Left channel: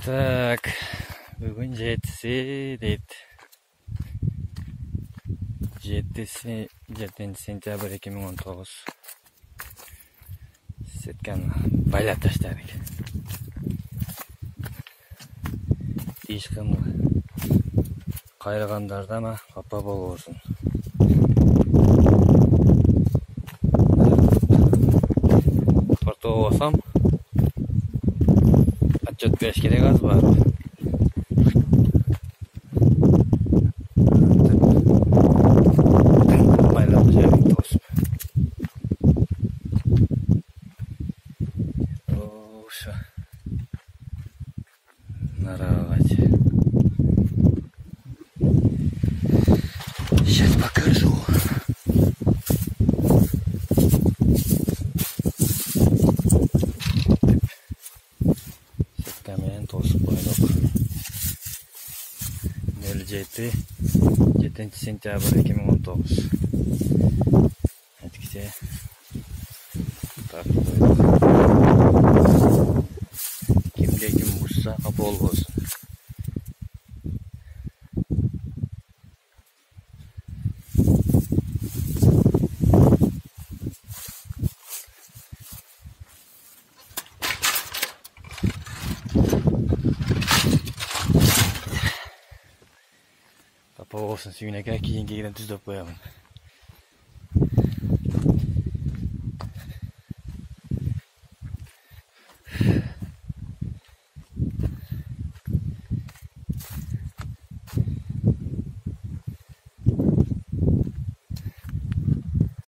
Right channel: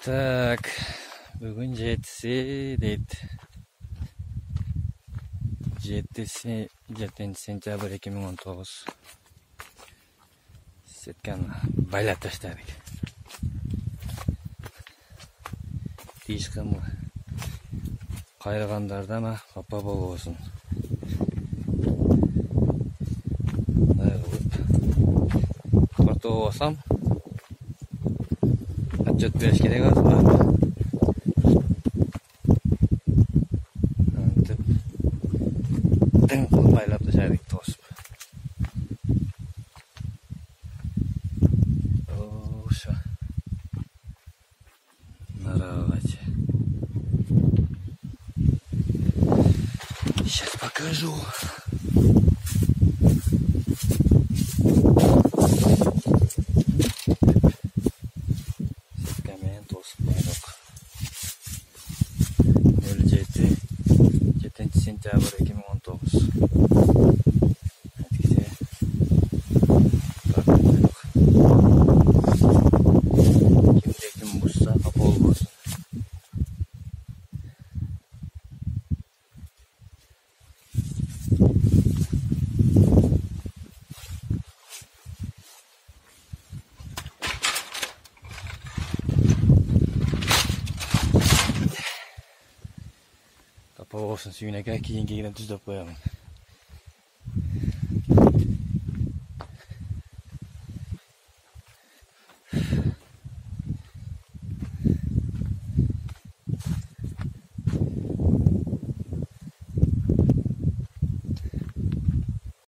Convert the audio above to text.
Так, бүгін 7 дейді. 7 сентябрь 2019. Сетканы байлап таштадық. Ешкім қайрағандардан қапа болсын. Құртуы болсам, отчет беріш керек аз бар. Байлап тастадық тосып. Оша. Наравать. Сейчас покажу. Сеткамен тосып қойдық. 7 сентябрь 2019. Әткіде тартып қойдық. Кімде кім бұшса апол болсын. Апол болсын, сүйінеке кейін түздеп қоямын.